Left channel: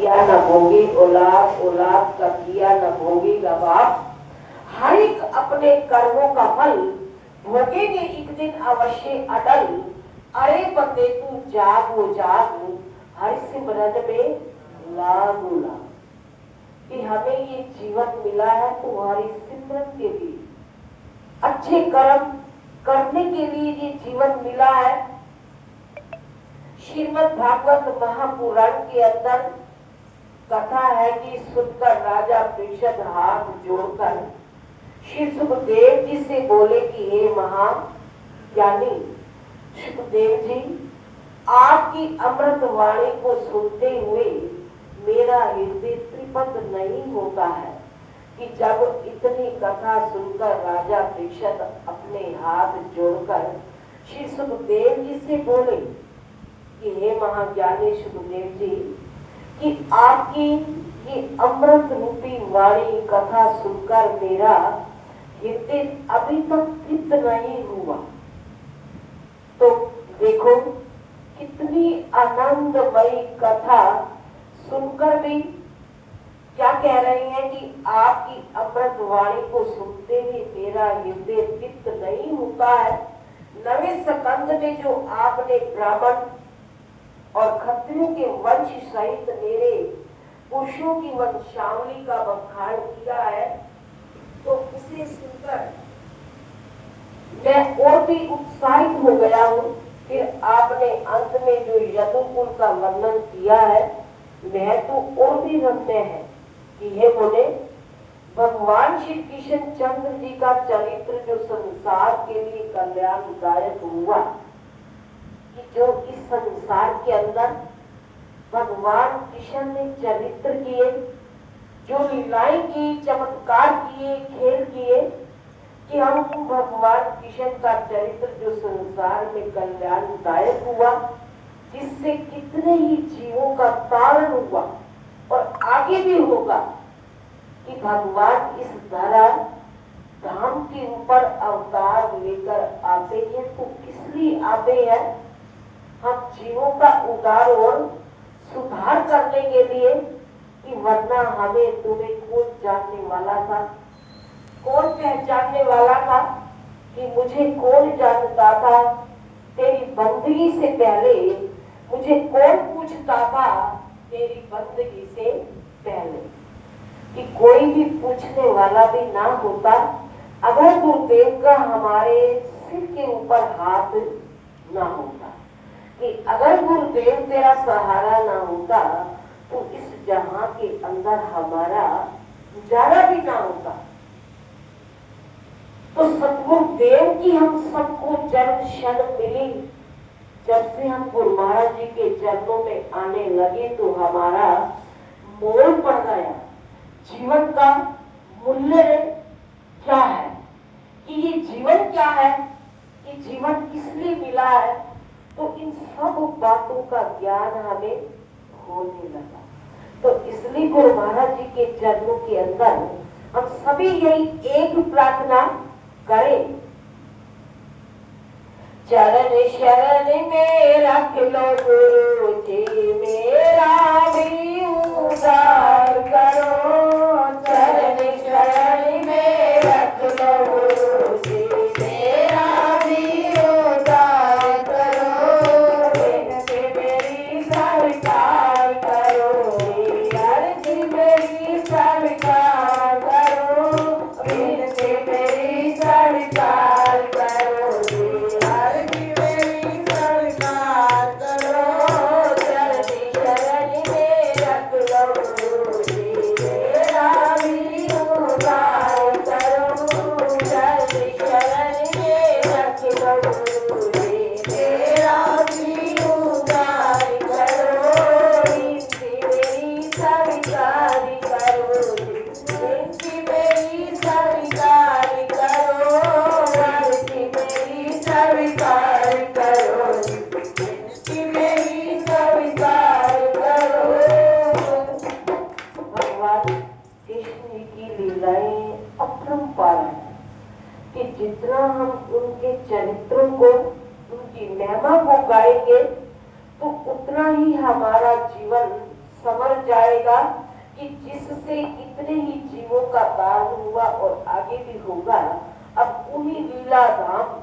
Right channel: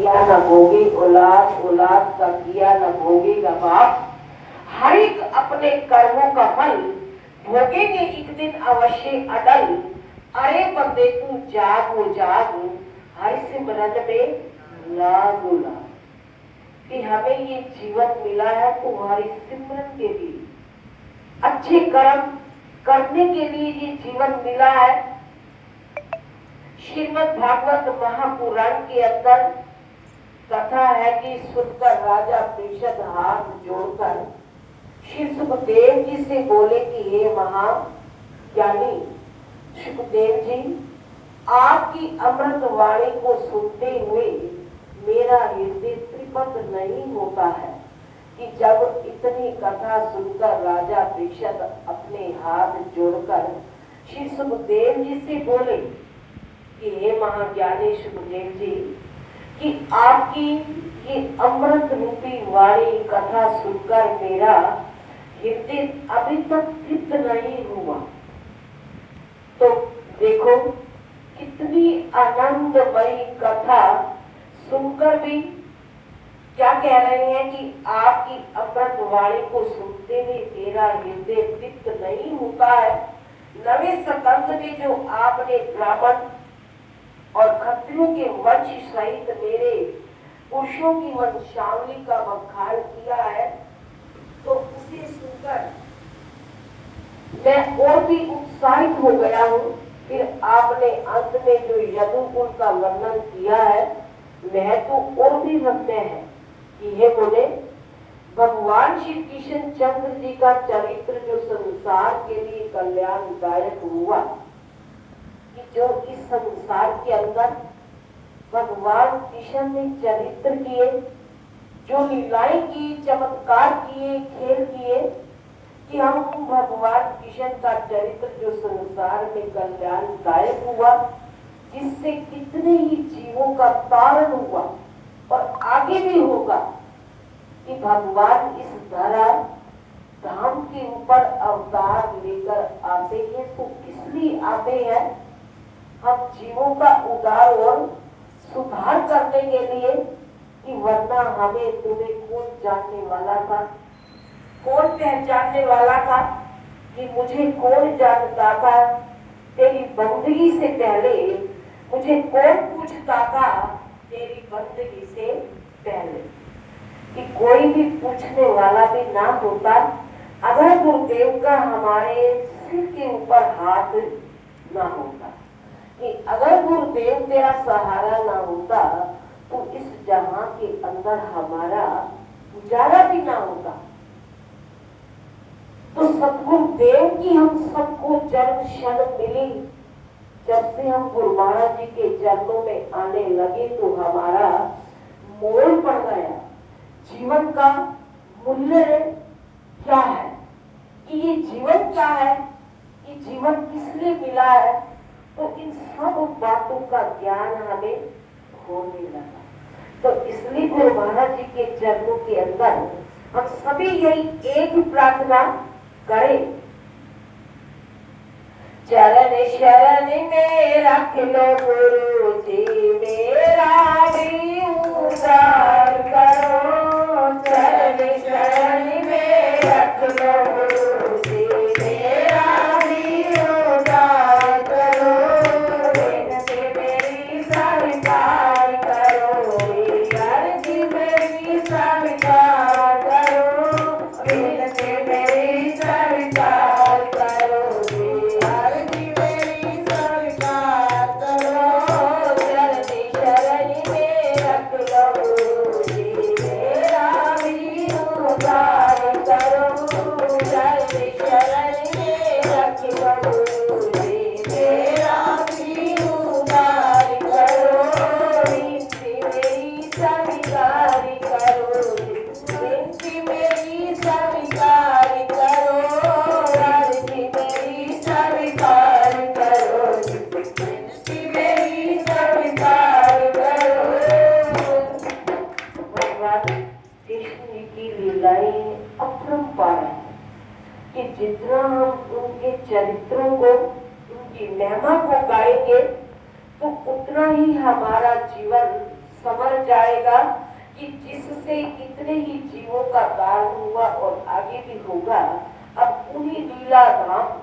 किया न भोगे औलाद, औलाद का किया न भोगेगा बाप। हर एक अपने कर्मों का फल भोगेंगे एक दिन अवश्य अटल। अरे बंदे तू जागो जाग, हर सिमरन में लागो लाग। कि हमें ये जीवन मिला है तुम्हारी सिमरन के लिए, अच्छे कर्म करने के लिए ये जीवन मिला है। श्रीमद् भागवत महापुराण के अंदर कथा है कि सुनकर राजा परीक्षित हाथ जोड़कर श्री सुखदेव जी से बोले कि हे महाज्ञानी सुखदेव जी, आपकी अमृत वाणी को सुनते हुए मेरा हृदय तृप्त नहीं होता है। कि जब इतनी कथा सुनकर राजा परीक्षित अपने हाथ जोड़कर श्री सुखदेव जी से बोले कि हे महाज्ञानी सुखदेव जी, कि आपकी ये अमृत रूपी वाणी कथा सुनकर मेरा हृदय अभी तक तृप्त नहीं हुआ। तो देखो कितनी आनंदमयी कथा सुनकर भी क्या कह रहे हैं कि आपकी अमृत वाणी को सुनते हुए मेरा हृदय तृप्त नहीं होता है। नवे स्कंद में जो आपने ब्राह्मण और क्षत्रियों के वंश सहित मेरे पुरुषों की वंशावली का बखान किया है, तो उसे सुनकर मैं और भी उत्साहित हो गया हूँ। फिर आपने अंत में जो यदुकुल का वर्णन किया है, वह तो और भी रमणीय है कि हे बोले भगवान श्री कृष्ण चंद्र जी का चरित्र जो संसार के लिए कल्याणदायक हुआ, कि जो इस संसार के अंदर भगवान कृष्ण ने चरित्र किए, जो लीलाएं की, चमत्कार किए, खेल किए, कि हमको भगवान कृष्ण का चरित्र जो संसार में कल्याणदायक हुआ, जिससे कितने ही जीवों का पालन हुआ और आगे भी होगा। कि भगवान इस धरा धाम के ऊपर अवतार लेकर आते हैं, तो किस लिए आते हैं? हम जीवों का उद्धार और सुधार करने के लिए। कि वरना हमें तुम्हें कौन जानने वाला था, कौन पहचानने वाला था? कि मुझे कौन जानता था? तेरी बंदगी से पहले मुझे कौन पूछता था? तेरी बंदगी से पहले कि कोई भी पूछने वाला भी ना होता अगर गुरुदेव का हमारे सिर के ऊपर हाथ ना होता। कि अगर गुरुदेव तेरा सहारा ना होता तो इस जहां के अंदर हमारा गुजारा भी ना होता। तो सतगुरुदेव की हम सबको जब क्षण मिली, जब से हम गुरु महाराज जी के चरणों में आने लगे, तो हमारा मोल पड़ गया। जीवन का मूल्य क्या है, कि ये जीवन क्या है, कि जीवन किस लिए मिला है, तो इन सब बातों का ज्ञान हमें होने लगा। तो इसलिए गुरु महाराज जी के चरणों के अंदर हम सभी यही एक ही प्रार्थना करें, चरण शरण में रख लो गुरु जी, मेरा भी उद्धार करो। चरण शरण में रख लो गुरु जी, मेरा भी उद्धार करो। इनसे मेरी स्वीकार करो, अर्जी मेरी स्वीकार करो। इनसे मेरी स्वीकार करो, कि जितना हम उनके चरित्रों को, उनकी महिमा को गाएंगे, तो उतना ही हमारा जीवन समझ जाएगा कि जिससे इतने ही जीवों का दान हुआ और आगे भी होगा, अब उन्हीं लीला धाम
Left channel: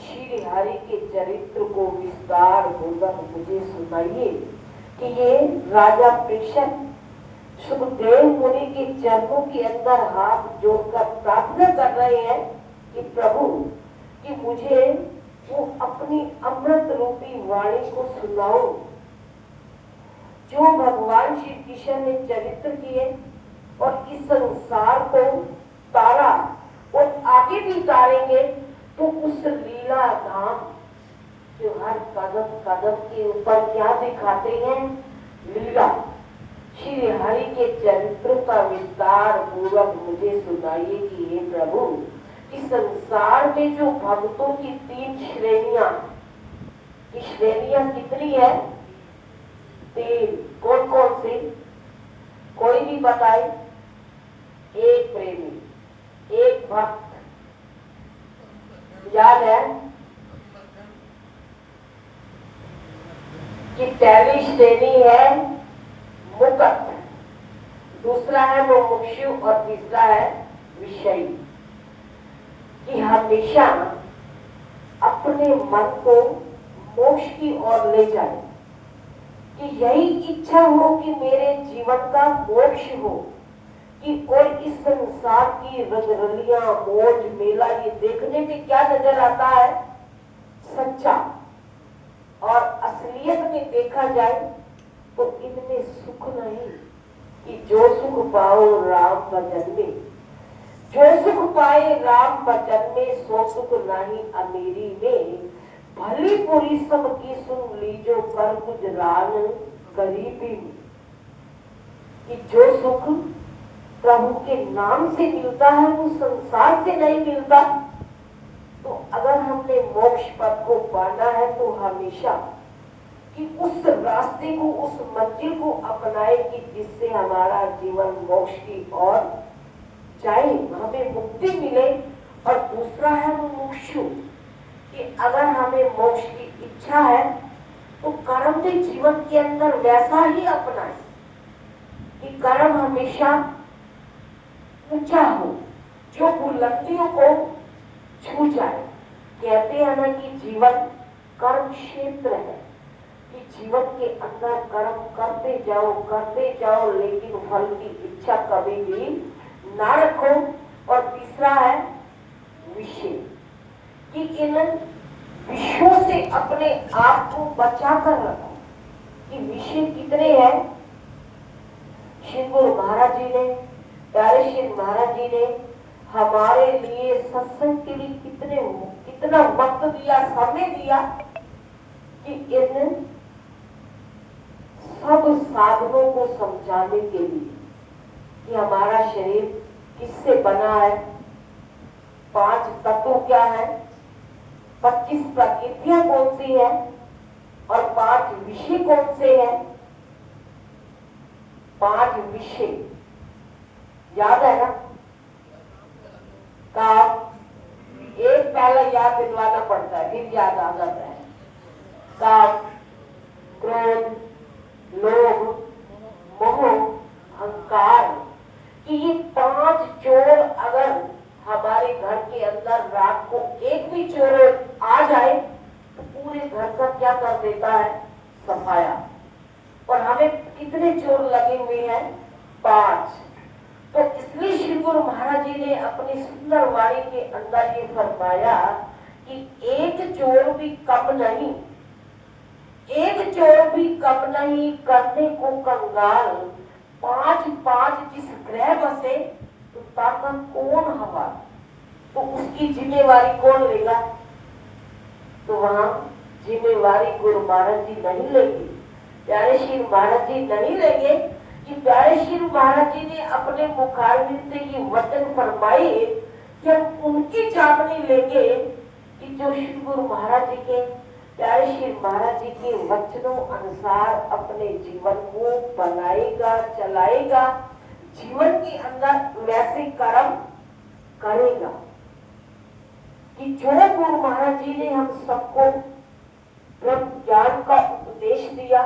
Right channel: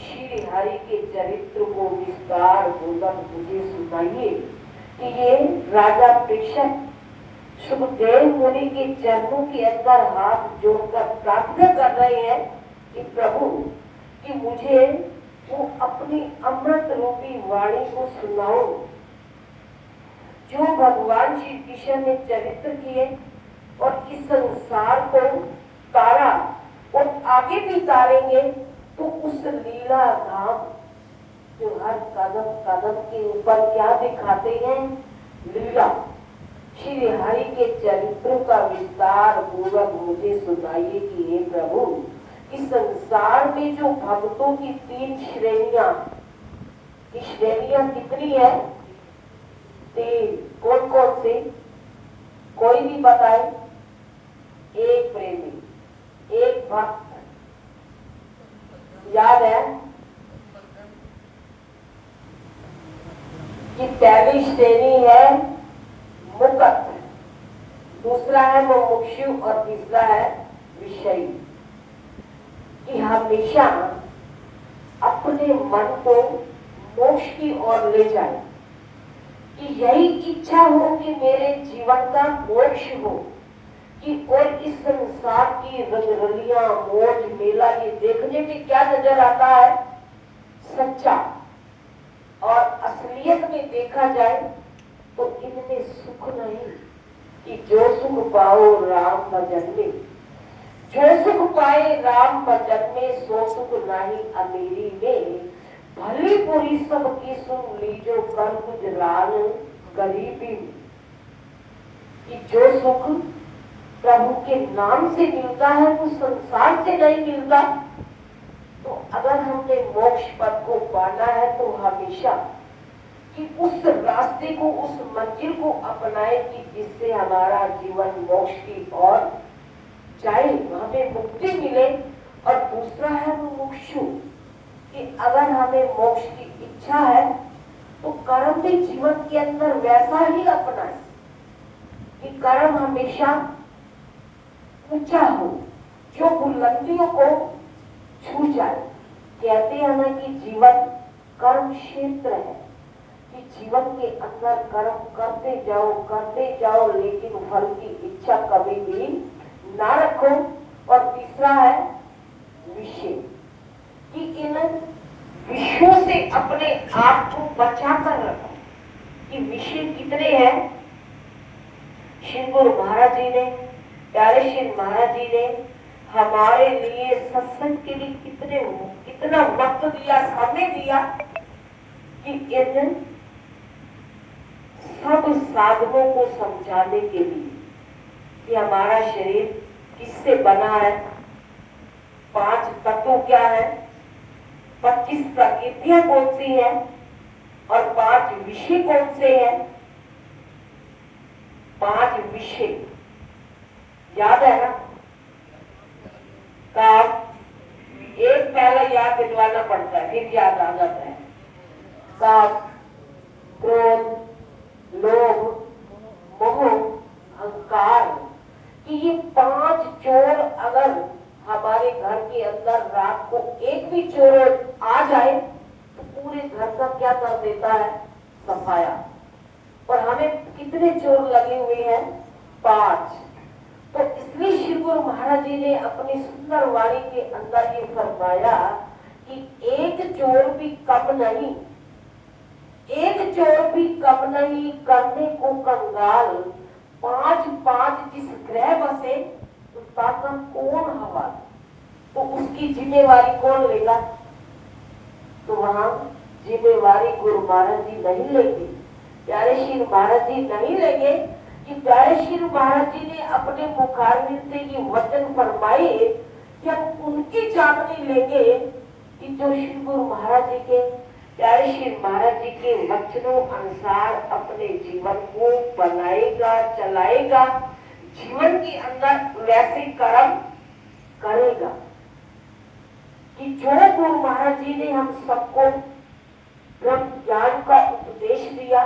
श्री हरि के चरित्र को विस्तार पूर्वक मुझे सुनाइए कि ये राजा प्रेषक सुखदेव मुनि के चरणों के अंदर हाथ जोड़कर प्रार्थना कर रहे हैं कि प्रभु, कि मुझे वो अपनी अमृत रूपी वाणी को सुनाओ जो भगवान श्री कृष्ण ने चरित्र किए और इस संसार को तारा और आगे भी तारेंगे तो उस लीला धाम जो हर कदम कदम के ऊपर क्या दिखाते हैं, लीला श्री हरि के चरित्रों का विस्तार पूर्वक मुझे सुनाइए कि हे प्रभु, इस संसार में जो भक्तों की 3 श्रेणियां, की श्रेणियां कितनी है? 3। कौन कौन सी? कोई भी बताए? एक प्रेमी, एक भक्त, याद है कि पहली श्रेणी है मुक्त, दूसरा है मुमुक्षु और तीसरा है विषयी। कि हमेशा अपने मन को मोक्ष की ओर ले जाए, कि यही इच्छा हो कि मेरे जीवन का मोक्ष हो, कि और इस संसार की रंगरलियां मौज मेला ये देखने में क्या नजर आता है? सच्चा। और असलियत में देखा जाए तो इनमें सुख नहीं, कि जो सुख पाओ राम भजन में, जो सुख पाए राम भजन में, सो सुख नहीं अमीरी में, भली पूरी सबकी सुन लीजो कर गुजरान गरीबी में। कि जो सुख प्रभु के नाम से मिलता है वो संसार से नहीं मिलता। तो अगर हमने मोक्ष पद को पाना है तो हमेशा कि उस रास्ते को, उस मंजिल को अपनाए कि जिससे हमारा जीवन मोक्ष की ओर जाए, हमें मुक्ति मिले। और दूसरा है वो मुमुक्षु, कि अगर हमें मोक्ष की इच्छा है तो कर्म के जीवन के अंदर वैसा ही अपनाए कि कर्म हमेशा ऊंचा हो, जो बुलंदियों को छू जाए। कहते हैं ना कि जीवन कर्म क्षेत्र है, कि जीवन के अंदर कर्म करते जाओ लेकिन फल की इच्छा कभी भी ना रखो। और तीसरा है विषय, कि इन विषयों से अपने आप को बचा कर रखो। कि विषय कितने हैं? श्री गुरु महाराज जी ने, प्यारे श्री महाराज जी ने हमारे लिए सत्संग के लिए कितना वक्त दिया, समय दिया, कि इन सब साधनों को समझाने के लिए कि हमारा शरीर किससे बना है, 5 तत्व क्या है, 25 प्रकृतियां कौन सी है और 5 विषय कौन से हैं। 5 विषय याद है ना? काम, एक पहला याद दिलवाना पड़ता है फिर याद आ जाता है। काम, क्रोध, लोभ, मोह, अहंकार, कि ये 5 चोर अगर हमारे घर के अंदर रात को एक भी चोर आ जाए तो पूरे घर का क्या कर देता है? सफाया। और हमें कितने चोर लगे हुए हैं? 5। तो इसलिए श्री गुरु महाराज जी ने अपनी सुंदर वाणी के अंदर ये फरमाया कि एक चोर भी कम नहीं, एक चोर भी कम नहीं, करने को कंगाल 5 जिस ग्रह बसे तो ताकत कौन हवा, तो उसकी जिम्मेवारी कौन लेगा? तो वहां जिम्मेवारी गुरु महाराज जी नहीं लेंगे, प्यारे श्री महाराज जी नहीं लेंगे। कि प्यारे श्री महाराज जी ने अपने मुखारविंद से ये वचन फरमाए कि हम उनकी चाबनी लेंगे कि जो श्री गुरु महाराज जी के, प्यारे श्री महाराज जी के वचनों अनुसार अपने जीवन को बनाएगा, चलाएगा, जीवन के अंदर वैसे कर्म करेगा। कि जो गुरु महाराज जी ने हम सबको ब्रह्म ज्ञान का उपदेश दिया,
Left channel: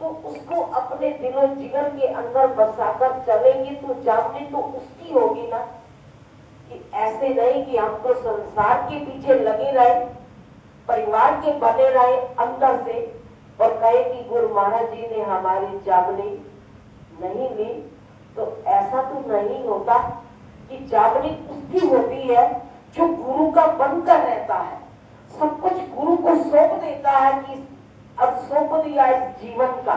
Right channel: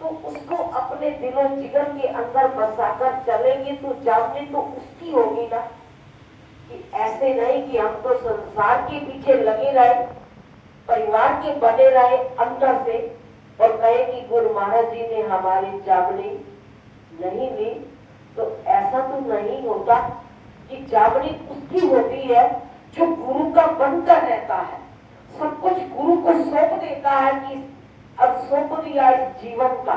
तो उसको अपने दिलो जिगर के अंदर बसाकर चलेंगे तो जामनी तो उसकी होगी ना, कि ऐसे नहीं कि हम तो संसार के पीछे लगे रहे, परिवार के बने रहे अंदर से, और कहे कि गुरु महाराज जी ने हमारी जामनी नहीं ली। तो ऐसा तो नहीं होता कि जामनी उसकी होती है जो गुरु का बनकर रहता है, सब कुछ गुरु को सौंप देता है कि अब सौंप दिया इस जीवन का,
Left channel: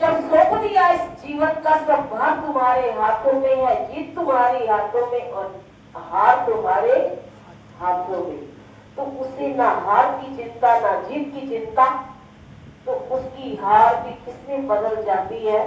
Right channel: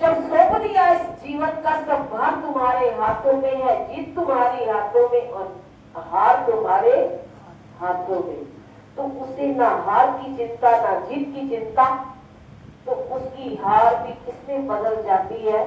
जब सौंप दिया इस जीवन का सब भार तुम्हारे हाथों में है, जीत तुम्हारे हाथों में और हार तुम्हारे हाथों में, तो उसे ना हार की चिंता ना जीत की चिंता, तो उसकी हार भी किसमें बदल जाती है,